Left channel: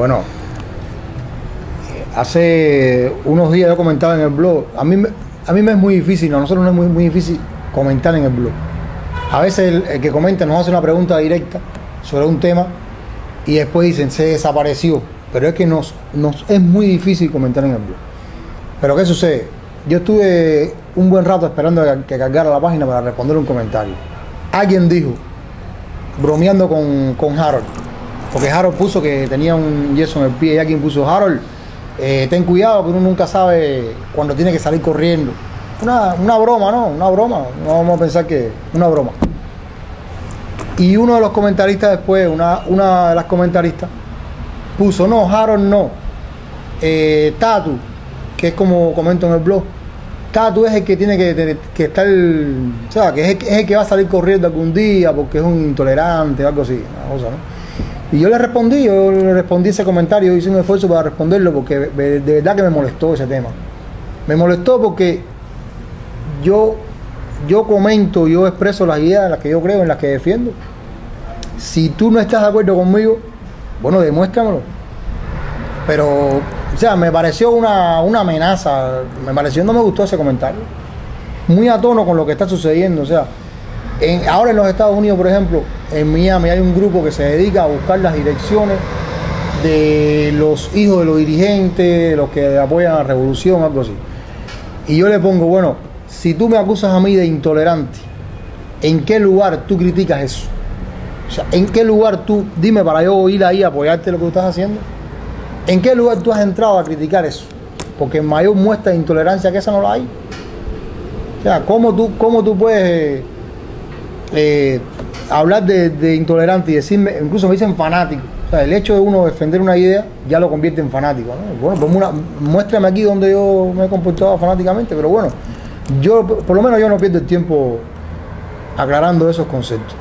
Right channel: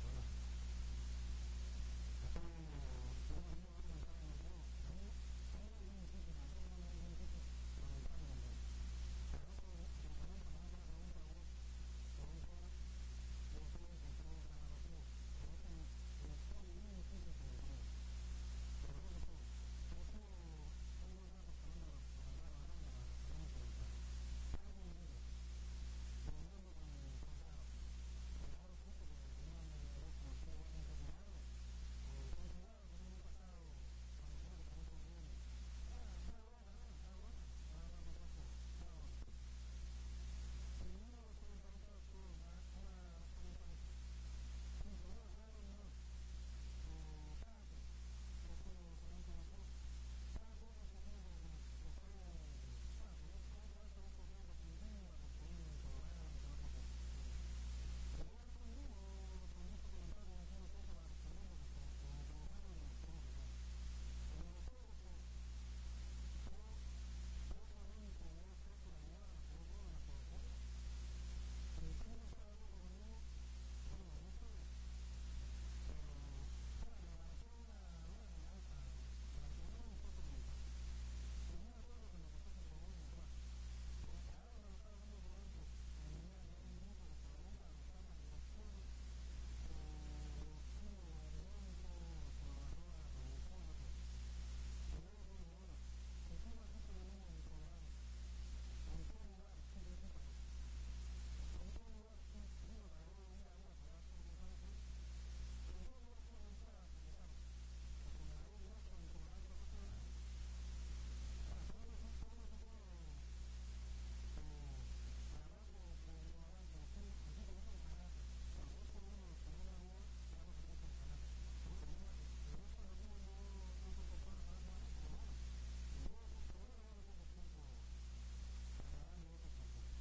Bueno, hace unos días yo comentaba en el blog, a mí me es muy difícil, a nosotros nos es muy difícil comentar en el blog. A veces el que comenta nos hace una pregunta directa sobre un tema y después dicen, se desapareció. Pero es que nos es muy difícil comentar en el blog. Pero ¿qué sucede? Yo estuve un buen rato esperando que cargara la página para responder un comentario. Alguien dijo, bromeando con Harold, porque Harold puso que tenía un yeso en el pie y alguien puso, Harold, ten cuidado que uno nunca sabe cuando tiene que salir corriendo. Una broma, ¿no? Una broma. No vamos a pensar que una broma. Y uno de los comentaristas después, una de las comentaristas, puso, no, Harold no. Tatu, que es como comento en el blog, Tatu es el que tiene que estar, o sea, que es el que va a salir corriendo algún día porque es un intolerante o algo así, una cosa, ¿no? Y yo le respondí ese comentario, hice un esfuerzo para responderlo porque de verdad que me molestó ese tema. Me molestó porque yo comento, yo expreso las ideas en las que yo creo, en las que defiendo. Si tú no estás de acuerdo conmigo, bueno, demuéstramelo. Pero, o sea, me pareció una amenaza, no me gustó ese comentario. Muy a tono con lo que está sucediendo, o sea, ahora en los Estados Unidos, por ejemplo, en Miami hay un grupo que se dedica a buscar las direcciones de los hijos de los dirigentes, de los que apoyan a la revolución, algo así. Y yo le pongo, bueno, si tú me acusas a mí de intolerante, ¿en qué lugar tú criticas eso? O sea, ¿en qué lugar tú, dime para yo ir ahí a apoyarte lo que tú estás haciendo? ¿En qué lugar tú has entrado a criticar eso? Porque mayor muestra de intolerancia que esa no la hay. O sea, ¿cómo tú puedes hablar de intolerante y decirme, incluso me dicen fanático? O sea, el hecho de uno defender una idea ya lo convierte en fanático, ¿no? Bueno, muéstrame aquí donde yo me he comportado fanáticamente, pero bueno, yo, por lo menos yo no pierdo el tiempo aclarando esos conceptos.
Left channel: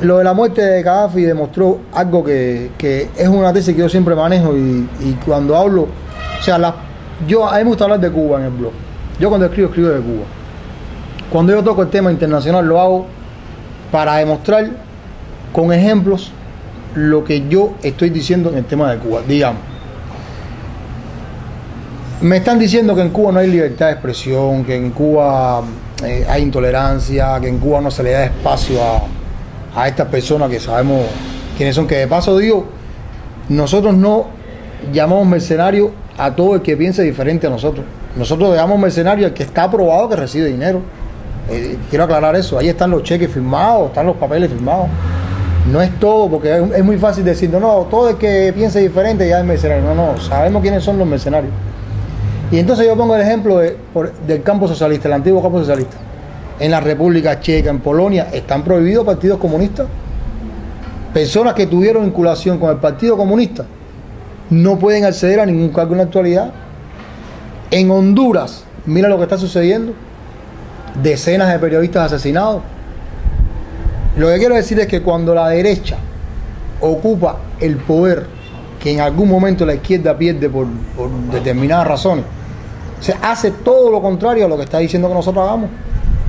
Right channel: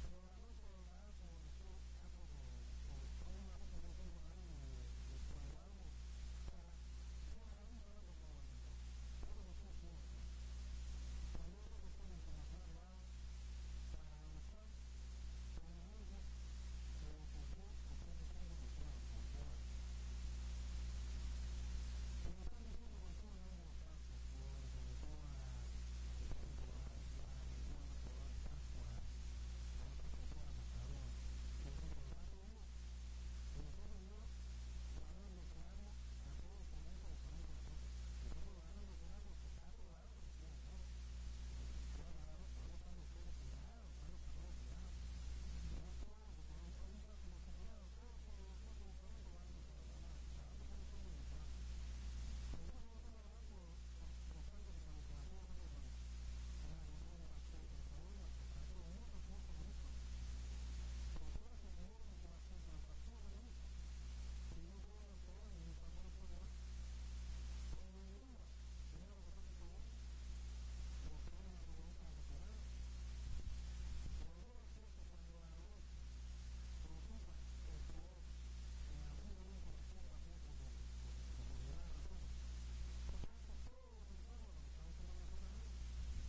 Lo de la muerte de Gaddafi demostró algo que es una tesis que yo siempre manejo y cuando hablo, o sea, a mí me gusta hablar de Cuba en el blog. Yo cuando escribo de Cuba. Cuando yo toco el tema internacional lo hago para demostrar con ejemplos lo que yo estoy diciendo en el tema de Cuba. Digamos, me están diciendo que en Cuba no hay libertad de expresión, que en Cuba hay intolerancia, que en Cuba no se le da espacio a estas personas que sabemos quiénes son, que de paso digo, nosotros no llamamos mercenario a todo el que piense diferente a nosotros. Nosotros llamamos mercenario al que está aprobado que recibe dinero. Quiero aclarar eso, ahí están los cheques firmados, están los papeles firmados. No es todo, porque es muy fácil decir, no, todo el que piense diferente ya es mercenario. No, sabemos quiénes son los mercenarios. Y entonces yo pongo el ejemplo del campo socialista, el antiguo campo socialista. En la República Checa, en Polonia, están prohibidos partidos comunistas. Personas que tuvieron vinculación con el Partido Comunista no pueden acceder a ningún cargo en la actualidad. En Honduras, mira lo que está sucediendo. Decenas de periodistas asesinados. Lo que quiero decir es que cuando la derecha ocupa el poder, que en algún momento la izquierda pierde por determinadas razones, se hace todo lo contrario a lo que está diciendo que nosotros hagamos.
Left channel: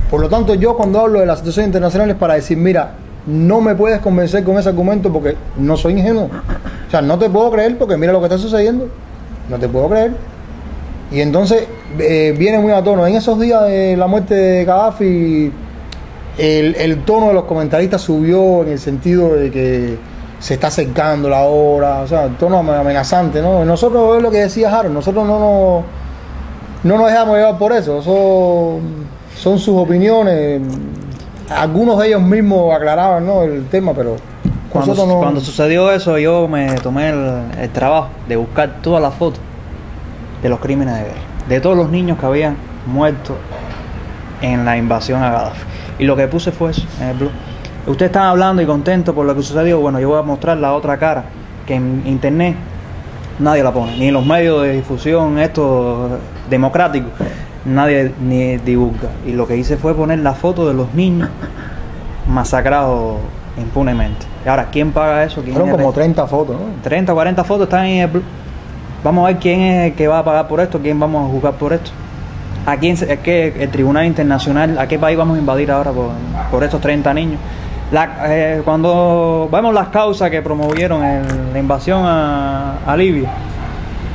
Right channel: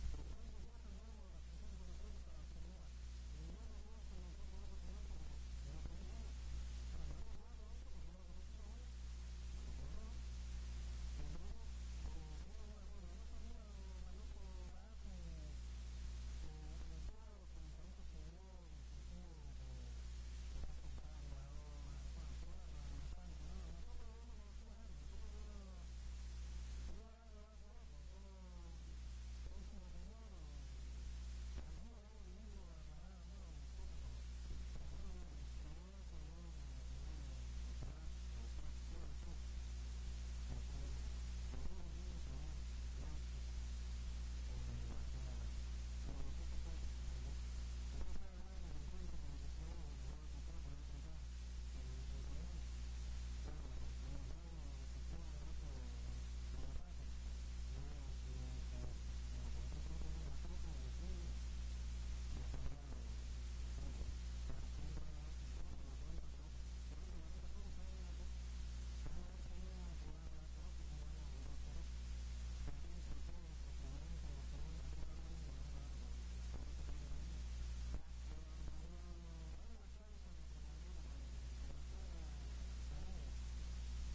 Por lo tanto, yo cuando hablo de las situaciones internacionales para decir, mira, no me puedes convencer con ese argumento porque no soy ingenuo. O sea, no te puedo creer porque mira lo que está sucediendo. No te puedo creer. Y entonces viene muy a tono. En esos días de la muerte de Gaddafi, el tono de los comentaristas subió en el sentido de que se está acercando la hora, o sea, el tono amenazante, ¿no? Nosotros, es lo que decía Harold, nosotros no nos dejamos llevar por eso. Son sus opiniones. Algunos de ellos mismos aclaraban, ¿no?, el tema, pero cuando sucedió eso, yo me tomé el trabajo de buscar todas las fotos de los crímenes de guerra, de todos los niños que habían muerto en la invasión a Gaddafi. Y lo que puse fue eso en el blog. Ustedes están hablando y contentos por lo que sucedió. Bueno, yo voy a mostrar la otra cara, que en internet nadie la pone, ni en los medios de difusión estos democráticos, nadie ni divulga. Y lo que hice fue poner la foto de los niños masacrados impunemente. Y ahora, ¿quién paga eso? Fueron como 30 fotos, ¿no? 30 o 40 fotos están en el blog. Vamos a ver quién es el que va a pagar por esto, quién vamos a juzgar por esto. ¿A quién, el Tribunal Internacional, a qué país vamos a invadir ahora por estos 30 niños? Cuando vemos las causas que promovieron la invasión a Libia,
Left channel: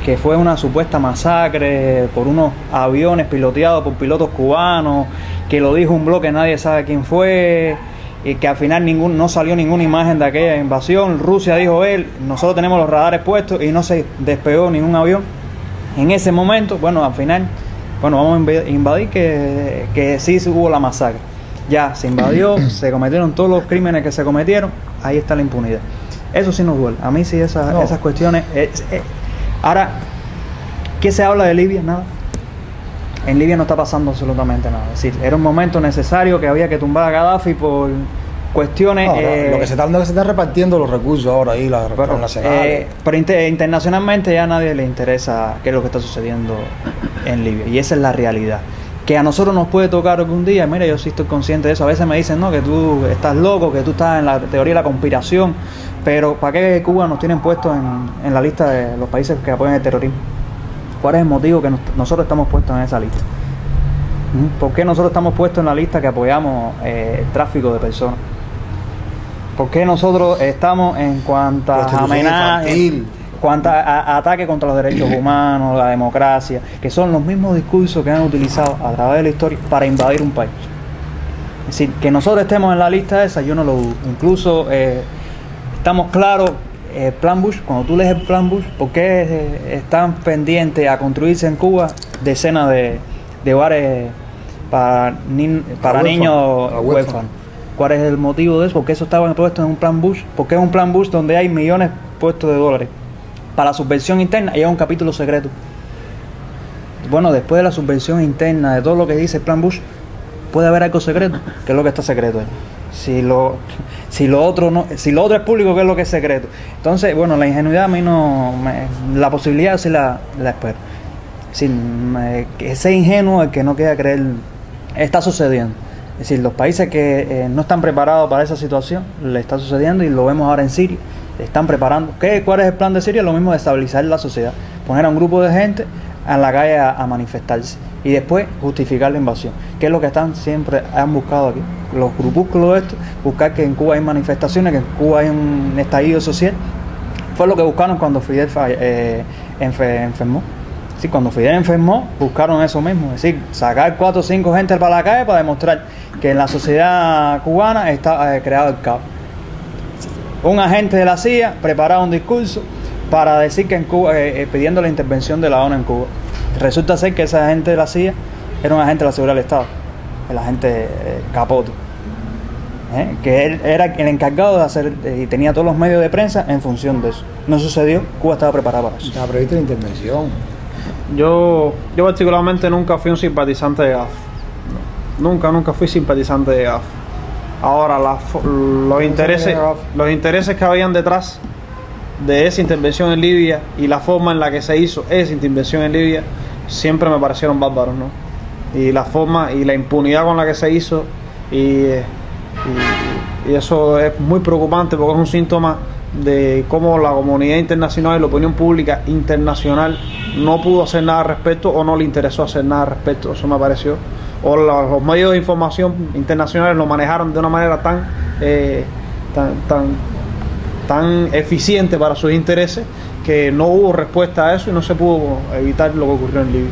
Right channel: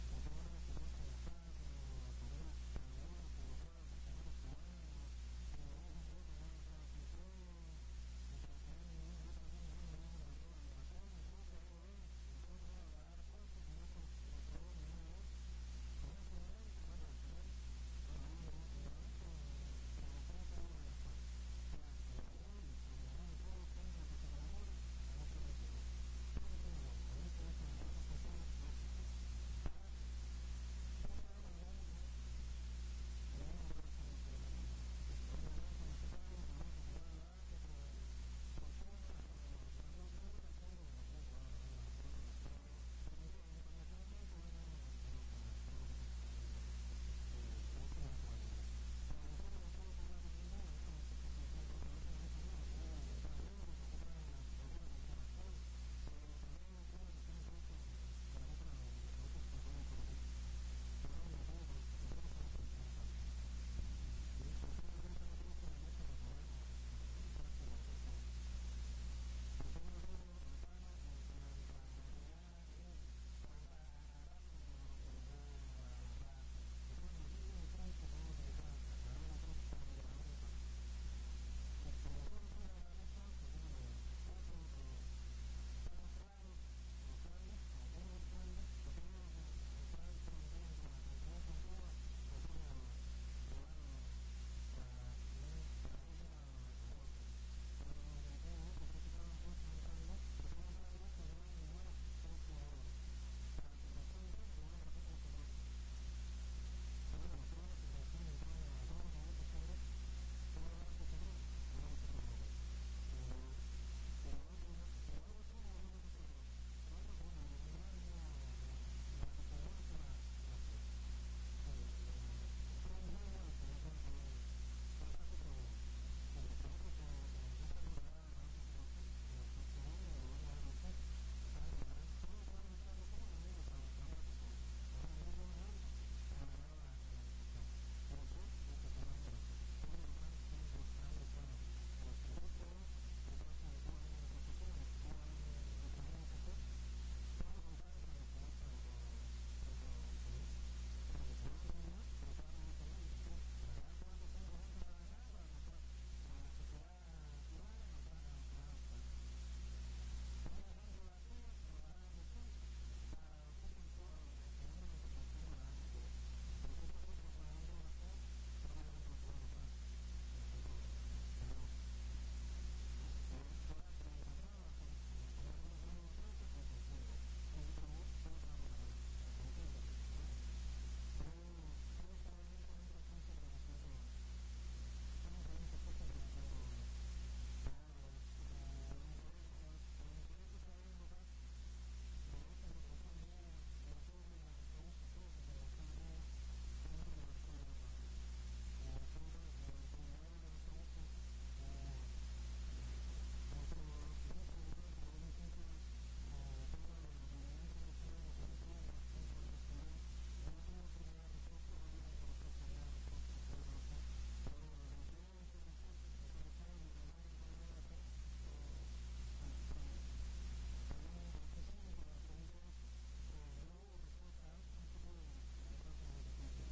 que fue una supuesta masacre por unos aviones piloteados por pilotos cubanos, que lo dijo un blog que nadie sabe quién fue, y que al final no salió ninguna imagen de aquella invasión. Rusia dijo nosotros tenemos los radares puestos y no se despegó ningún avión. En ese momento, bueno, al final, vamos a invadir, que sí hubo la masacre. Ya se invadió, se cometieron todos los crímenes que se cometieron, ahí está la impunidad. Eso sí nos duele. A mí sí esas cuestiones. Ahora, ¿qué se habla de Libia? Nada. En Libia no está pasando absolutamente nada. Es decir, era un momento necesario que había que tumbar a Gaddafi por cuestiones... lo que se está repartiendo los recursos ahora ahí, las reformas nacionales. Pero internacionalmente ya a nadie le interesa qué es lo que está sucediendo en Libia. Y esa es la realidad. Que a nosotros nos puede tocar algún día, mira, yo sí estoy consciente de eso. A veces me dicen, no, que tú estás loco, que tú estás en la teoría de la conspiración. Pero ¿para qué Cuba nos tienen puestos en la lista de los países que apoyan el terrorismo? ¿Cuál es el motivo que nosotros estamos puestos en esa lista? ¿Por qué nosotros estamos puestos en la lista que apoyamos el tráfico de personas? ¿Por qué nosotros estamos en cuantas amenazas, cuantos ataques contra los derechos humanos, la democracia, que son los mismos discursos que han utilizado a través de la historia para invadir un país? Es decir, que nosotros estemos en la lista esa, yo no lo dudo. Incluso estamos claros, el plan Bush, cuando tú lees el plan Bush, ¿por qué están pendientes a construirse en Cuba decenas de hogares para niños huérfanos? ¿Cuál es el motivo de eso? ¿Por qué eso estaba puesto en un plan Bush? ¿Por qué es un plan Bush donde hay millones puestos de dólares para la subversión interna y hay un capítulo secreto? Bueno, después de la subversión interna, de todo lo que dice el plan Bush, puede haber algo secreto. ¿Qué es lo que está secreto ahí? Si lo otro es público, ¿qué es lo que es secreto? Entonces, bueno, la ingenuidad a mí la posibilidad sí la espero. Que ese ingenuo, el que no quiera creer, está sucediendo. Es decir, los países que no están preparados para esa situación, le está sucediendo, y lo vemos ahora en Siria, están preparando. ¿Cuál es el plan de Siria? Lo mismo de estabilizar la sociedad, poner a un grupo de gente en la calle a manifestarse y después justificar la invasión, que es lo que siempre han buscado aquí los grupúsculos estos, buscar que en Cuba hay manifestaciones, que en Cuba hay un estallido social. Fue lo que buscaron cuando Fidel enfermó. Sí, cuando Fidel enfermó, buscaron eso mismo, es decir, sacar 4 o 5 gente para la calle para demostrar que en la sociedad cubana está creado el caos. Un agente de la CIA preparaba un discurso para decir que en Cuba, pidiendo la intervención de la ONU en Cuba. Resulta ser que ese agente de la CIA era un agente de la seguridad del Estado, el agente Capote, que él era el encargado de hacer, y tenía todos los medios de prensa en función de eso. No sucedió, Cuba estaba preparada para eso. Estaba prevista la intervención. Yo particularmente nunca fui un simpatizante de GAF. Nunca fui simpatizante de GAF. Ahora, los intereses que habían detrás de esa intervención en Libia y la forma en la que se hizo esa intervención en Libia siempre me parecieron bárbaros, ¿no? Y la forma y la impunidad con la que se hizo, y eso es muy preocupante, porque es un síntoma de cómo la comunidad internacional y la opinión pública internacional no pudo hacer nada al respecto, o no le interesó hacer nada al respecto. Eso me pareció. O los medios de información internacionales lo manejaron de una manera tan eficiente para sus intereses, que no hubo respuesta a eso y no se pudo evitar lo que ocurrió en Libia.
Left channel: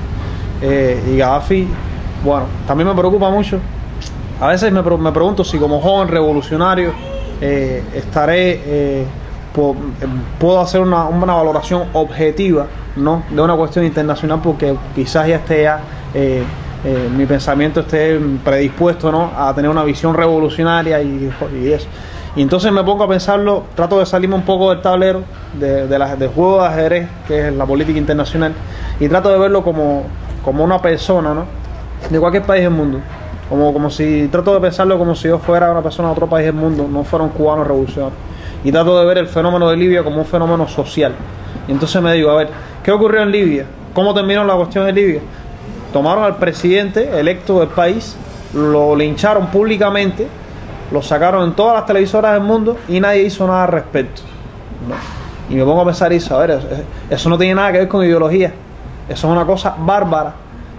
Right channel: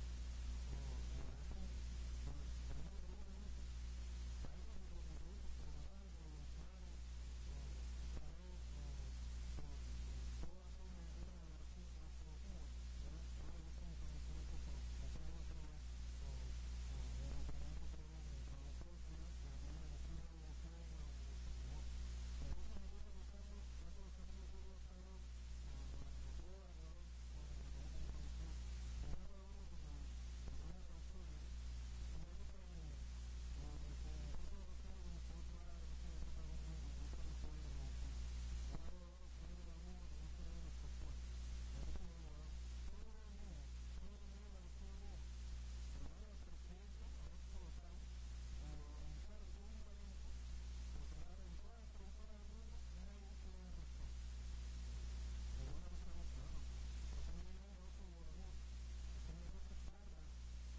Y Gaddafi, bueno, también me preocupa mucho. A veces me pregunto si como joven revolucionario puedo hacer una valoración objetiva, ¿no?, de una cuestión internacional, porque quizás ya esté mi pensamiento esté predispuesto, ¿no?, a tener una visión revolucionaria y eso. Y entonces me pongo a pensarlo, trato de salirme un poco del tablero del juego de ajedrez, que es la política internacional, y trato de verlo como una persona, ¿no?, de cualquier país del mundo. Trato de pensarlo como si yo fuera una persona de otro país del mundo, no fuera un cubano revolucionario. Y trato de ver el fenómeno de Libia como un fenómeno social. Y entonces me digo, a ver, ¿qué ocurrió en Libia? ¿Cómo terminó la cuestión de Libia? Tomaron al presidente electo del país, lo lincharon públicamente, lo sacaron en todas las televisoras del mundo y nadie hizo nada al respecto, ¿no? Y me pongo a pensar eso, a ver, eso no tiene nada que ver con ideología. Eso es una cosa bárbara,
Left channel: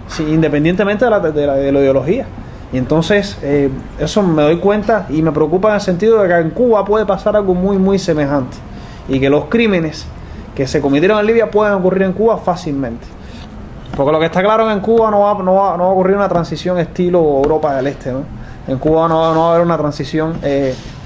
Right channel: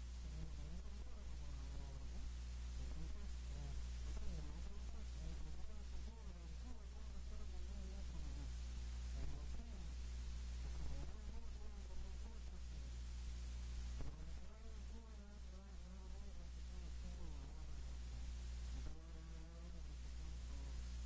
sí, independientemente de la ideología. Y entonces eso me doy cuenta y me preocupa en el sentido de que en Cuba puede pasar algo muy, muy semejante. Y que los crímenes que se cometieron en Libia pueden ocurrir en Cuba fácilmente. Porque lo que está claro es que en Cuba no va a ocurrir una transición estilo Europa del Este, ¿no? En Cuba no va a haber una transición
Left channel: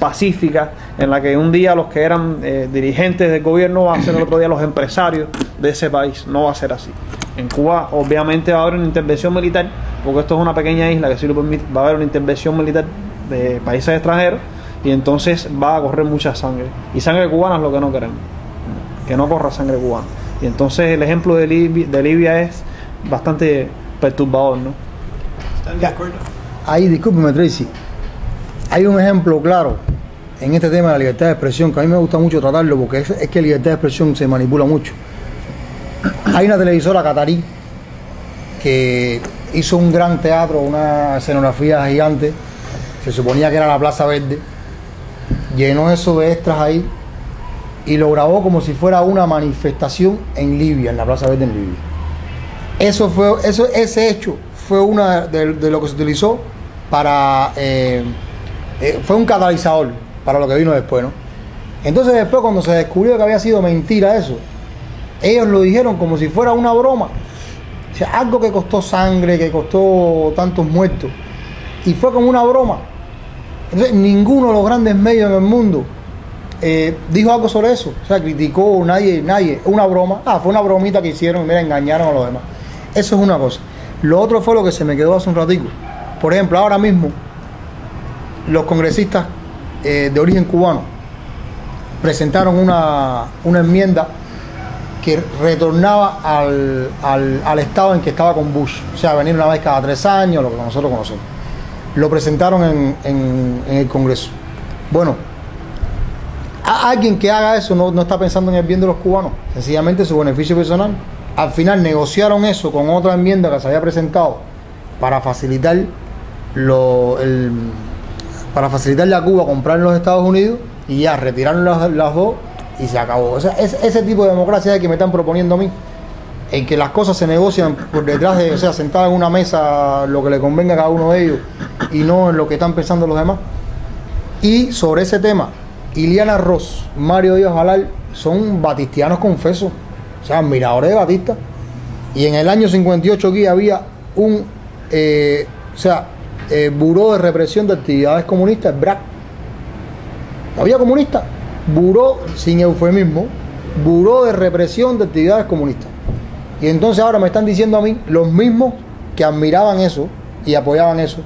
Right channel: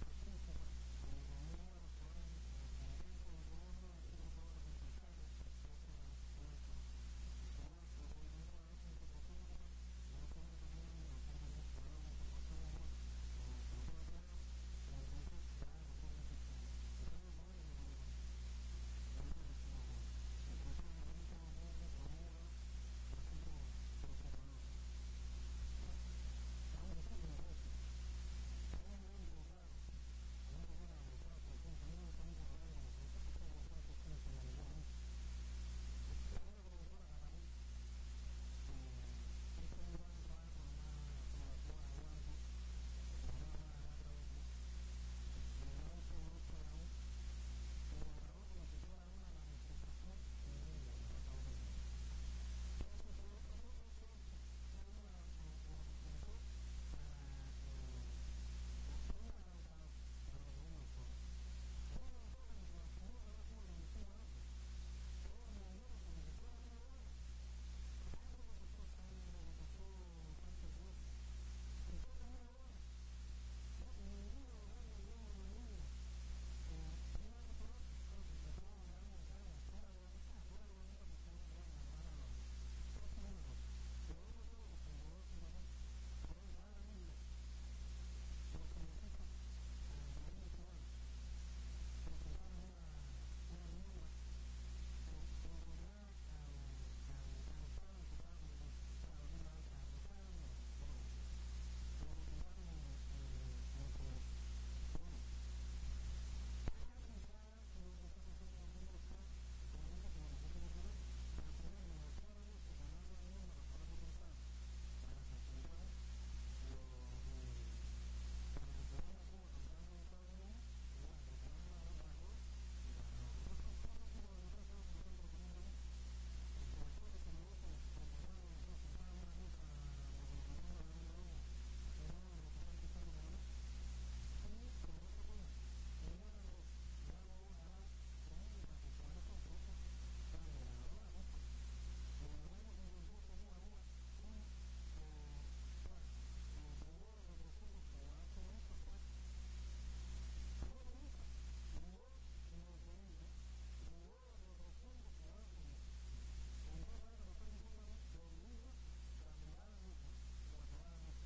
pacífica en la que un día los que eran dirigentes del gobierno van a ser el otro día los empresarios de ese país. No va a ser así. En Cuba obviamente va a haber una intervención militar, porque esto es una pequeña isla que sí lo permite. Va a haber una intervención militar de países extranjeros y entonces va a correr mucha sangre. Y sangre cubana es lo que no queremos, que no corra sangre cubana. Y entonces el ejemplo de Libia es bastante perturbador, ¿no? ¿Están de acuerdo? Ahí, discúlpeme, Tracy, hay un ejemplo claro en este tema de la libertad de expresión que a mí me gusta mucho tratarlo porque es que la libertad de expresión se manipula mucho. Hay una televisora catarí que hizo un gran teatro, una escenografía gigante, se suponía que era la Plaza Verde, llenó eso de extras ahí y lo grabó como si fuera una manifestación en Libia, en la Plaza Verde en Libia. Ese hecho fue una de lo que se utilizó para fue un catalizador para lo que vino después, ¿no? Entonces después, cuando se descubrió que había sido mentira eso, ellos lo dijeron como si fuera una broma, o sea, algo que costó sangre, que costó tantos muertos, y fue como una broma. Entonces ninguno de los grandes medios en el mundo dijo algo sobre eso, o sea, criticó, nadie, una broma, fue una bromita que hicieron y mira, engañaron a los demás. Eso es una cosa. Lo otro fue lo que se me quedó hace un ratico. Por ejemplo, ahora mismo los congresistas de origen cubano presentaron una enmienda que retornaba al estado en que estaba con Bush, o sea, venir una vez cada 3 años, lo que nosotros conocemos. Lo presentaron en el Congreso. Bueno, alguien que haga eso no está pensando en el bien de los cubanos, sencillamente su beneficio personal. Al final negociaron eso con otra enmienda que se había presentado para facilitarle a Cuba comprar en los Estados Unidos y ya retiraron las dos y se acabó. O sea, ese tipo de democracia es el que me están proponiendo a mí, en que las cosas se negocian por detrás de, o sea, sentadas en una mesa, lo que le convenga a cada uno de ellos y no en lo que están pensando los demás. Y sobre ese tema, Iliana Ross, Mario Díaz Balart son batistianos confesos, o sea, admiradores de Batista. Y en el año 58 aquí había un Buró de Represión de Actividades Comunistas, el BRAC. Había comunistas, buró, sin eufemismo, Buró de Represión de Actividades Comunistas. Y entonces ahora me están diciendo a mí, los mismos que admiraban eso y apoyaban eso,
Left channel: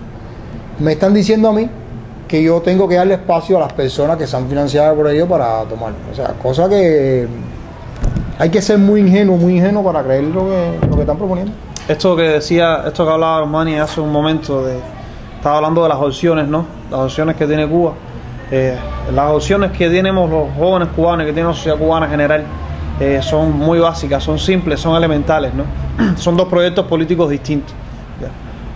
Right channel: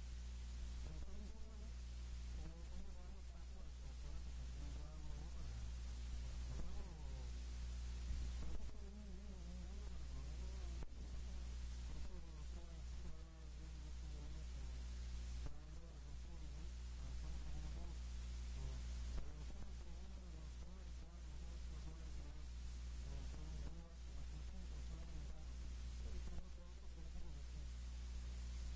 me están diciendo a mí que yo tengo que darle espacio a las personas que se han financiado por ello para tomarlo. O sea, cosa que hay que ser muy ingenuo para creer lo que están proponiendo. Esto que hablaba Manny hace un momento, estaba hablando de las opciones, ¿no? Las opciones que tiene Cuba. Las opciones que tenemos los jóvenes cubanos, que tiene la sociedad cubana en general, son muy básicas, son simples, son elementales, ¿no? Son dos proyectos políticos distintos.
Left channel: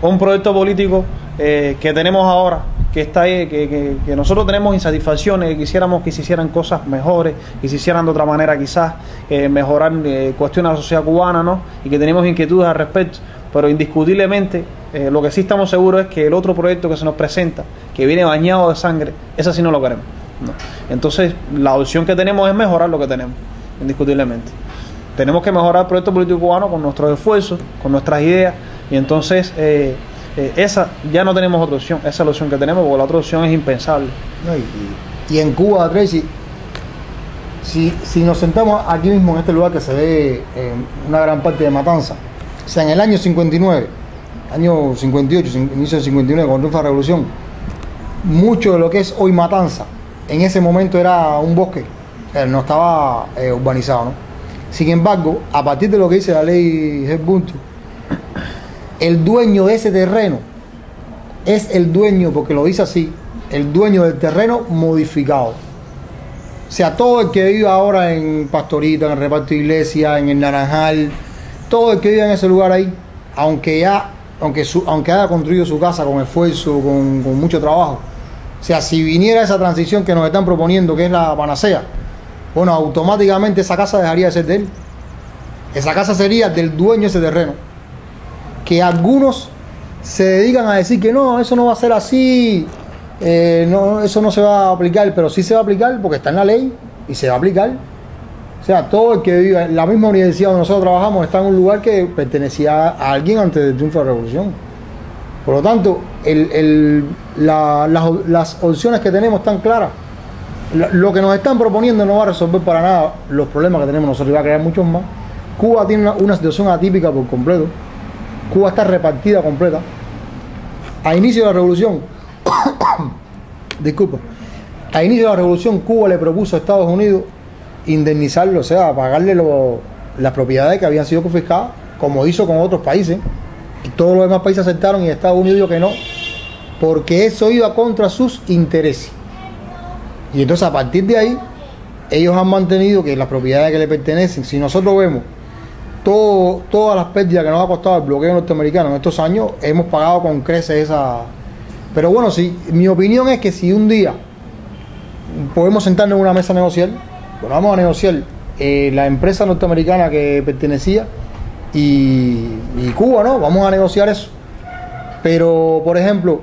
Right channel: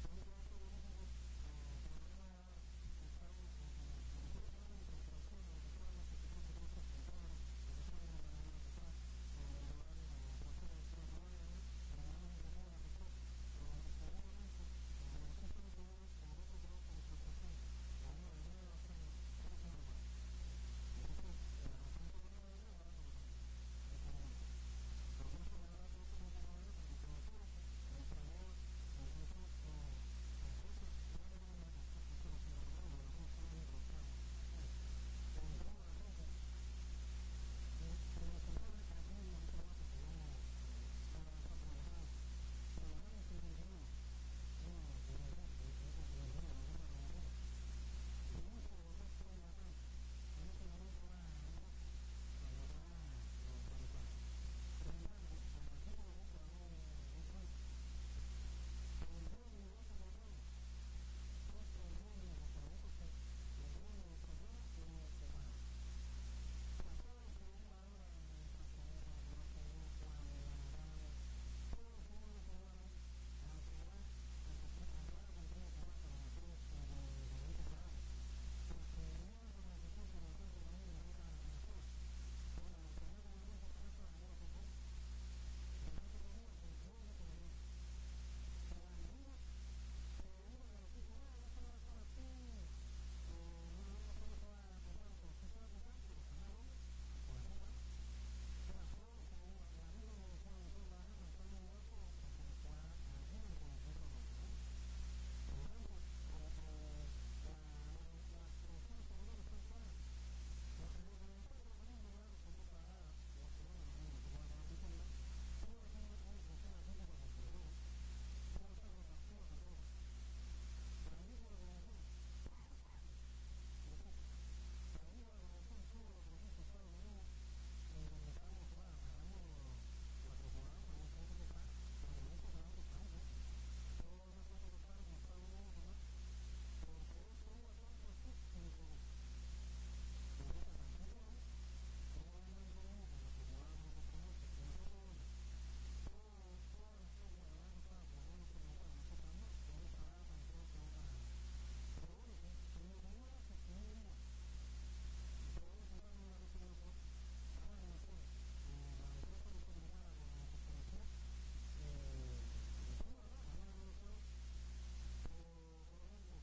Un proyecto político que tenemos ahora, que está ahí, que nosotros tenemos insatisfacciones, que quisiéramos que se hicieran cosas mejores, que se hicieran de otra manera quizás, mejorar cuestiones de la sociedad cubana, ¿no? Y que tenemos inquietudes al respecto, pero indiscutiblemente lo que sí estamos seguros es que el otro proyecto que se nos presenta, que viene bañado de sangre, ese sí no lo queremos, ¿no? Entonces la opción que tenemos es mejorar lo que tenemos, indiscutiblemente. Tenemos que mejorar el proyecto político cubano con nuestros esfuerzos, con nuestras ideas, y entonces esa ya no tenemos otra opción, esa es la opción que tenemos, porque la otra opción es impensable. No, y en Cuba, Tracy, si nos sentamos aquí mismo en este lugar que se ve una gran parte de Matanza, o sea, en el año 59, año 58, inicio del 59, cuando triunfa la revolución, mucho de lo que es hoy Matanza, en ese momento era un bosque, no estaba urbanizado, ¿no? Sin embargo, a partir de lo que dice la ley Hart-Bundy, el dueño de ese terreno es el dueño, porque lo dice así, el dueño del terreno modificado. O sea, todo el que vive ahora en Pastorita, en el Reparto Iglesia, en el Naranjal, todo el que vive en ese lugar ahí, aunque haya construido su casa con esfuerzo, con mucho trabajo, o sea, si viniera esa transición que nos están proponiendo, que es la panacea, bueno, automáticamente esa casa dejaría de ser de él. Esa casa sería del dueño de ese terreno, que algunos se dedican a decir que no, eso no va a ser así, no, eso no se va a aplicar, pero sí se va a aplicar porque está en la ley y se va a aplicar. O sea, todo el que vive en la misma universidad donde nosotros trabajamos está en un lugar que pertenecía a alguien antes del triunfo de la revolución. Por lo tanto, las opciones que tenemos están claras. Lo que nos están proponiendo no va a resolver para nada los problemas que tenemos nosotros, y va a crear muchos más. Cuba tiene una situación atípica por completo. Cuba está repartida completa. A inicio de la revolución, disculpa, a inicio de la revolución Cuba le propuso a Estados Unidos indemnizarlo, o sea, pagarle las propiedades que habían sido confiscadas, como hizo con otros países. Y todos los demás países aceptaron y Estados Unidos dijo que no, porque eso iba contra sus intereses. Y entonces a partir de ahí, ellos han mantenido que las propiedades que le pertenecen, si nosotros vemos todas las pérdidas que nos ha costado el bloqueo norteamericano en estos años, hemos pagado con creces esa... Pero bueno, mi opinión es que si un día podemos sentarnos en una mesa a negociar, bueno, vamos a negociar la empresa norteamericana que pertenecía y Cuba, ¿no? Vamos a negociar eso. Pero, por ejemplo,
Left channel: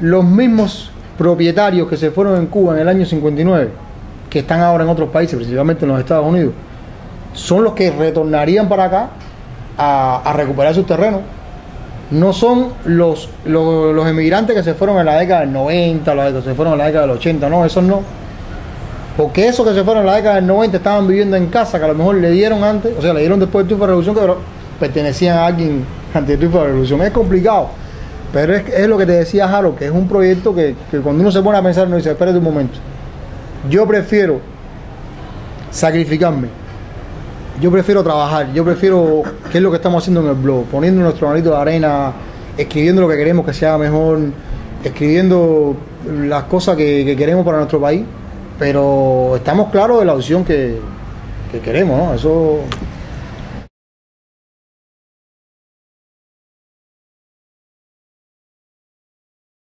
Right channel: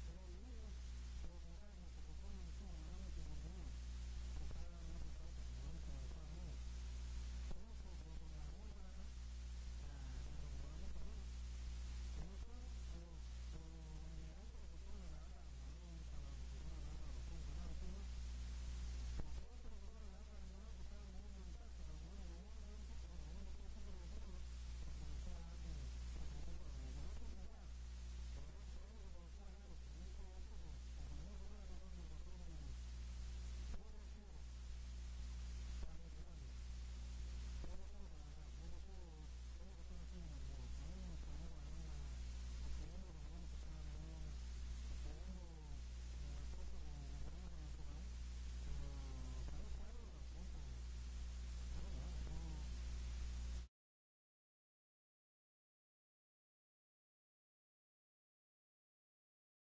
los mismos propietarios que se fueron en Cuba en el año 59, que están ahora en otros países, principalmente en los Estados Unidos, son los que retornarían para acá a recuperar sus terrenos. No son los emigrantes que se fueron en la década del 90, los que se fueron en la década del 80, no, esos no. Porque esos que se fueron en la década del 90 estaban viviendo en casa que a lo mejor le dieron antes, o sea, le dieron después del triunfo de la revolución, que pertenecían a alguien antes del triunfo de la revolución. Es complicado, pero es lo que te decía Harold, que es un proyecto que cuando uno se pone a pensar, uno dice, espérate un momento, yo prefiero sacrificarme, yo prefiero trabajar, yo prefiero, ¿qué es lo que estamos haciendo en el blog? Poniendo nuestro granito de arena, escribiendo lo que queremos que sea mejor, escribiendo las cosas que queremos para nuestro país, pero estamos claros de la opción que queremos, ¿no? Eso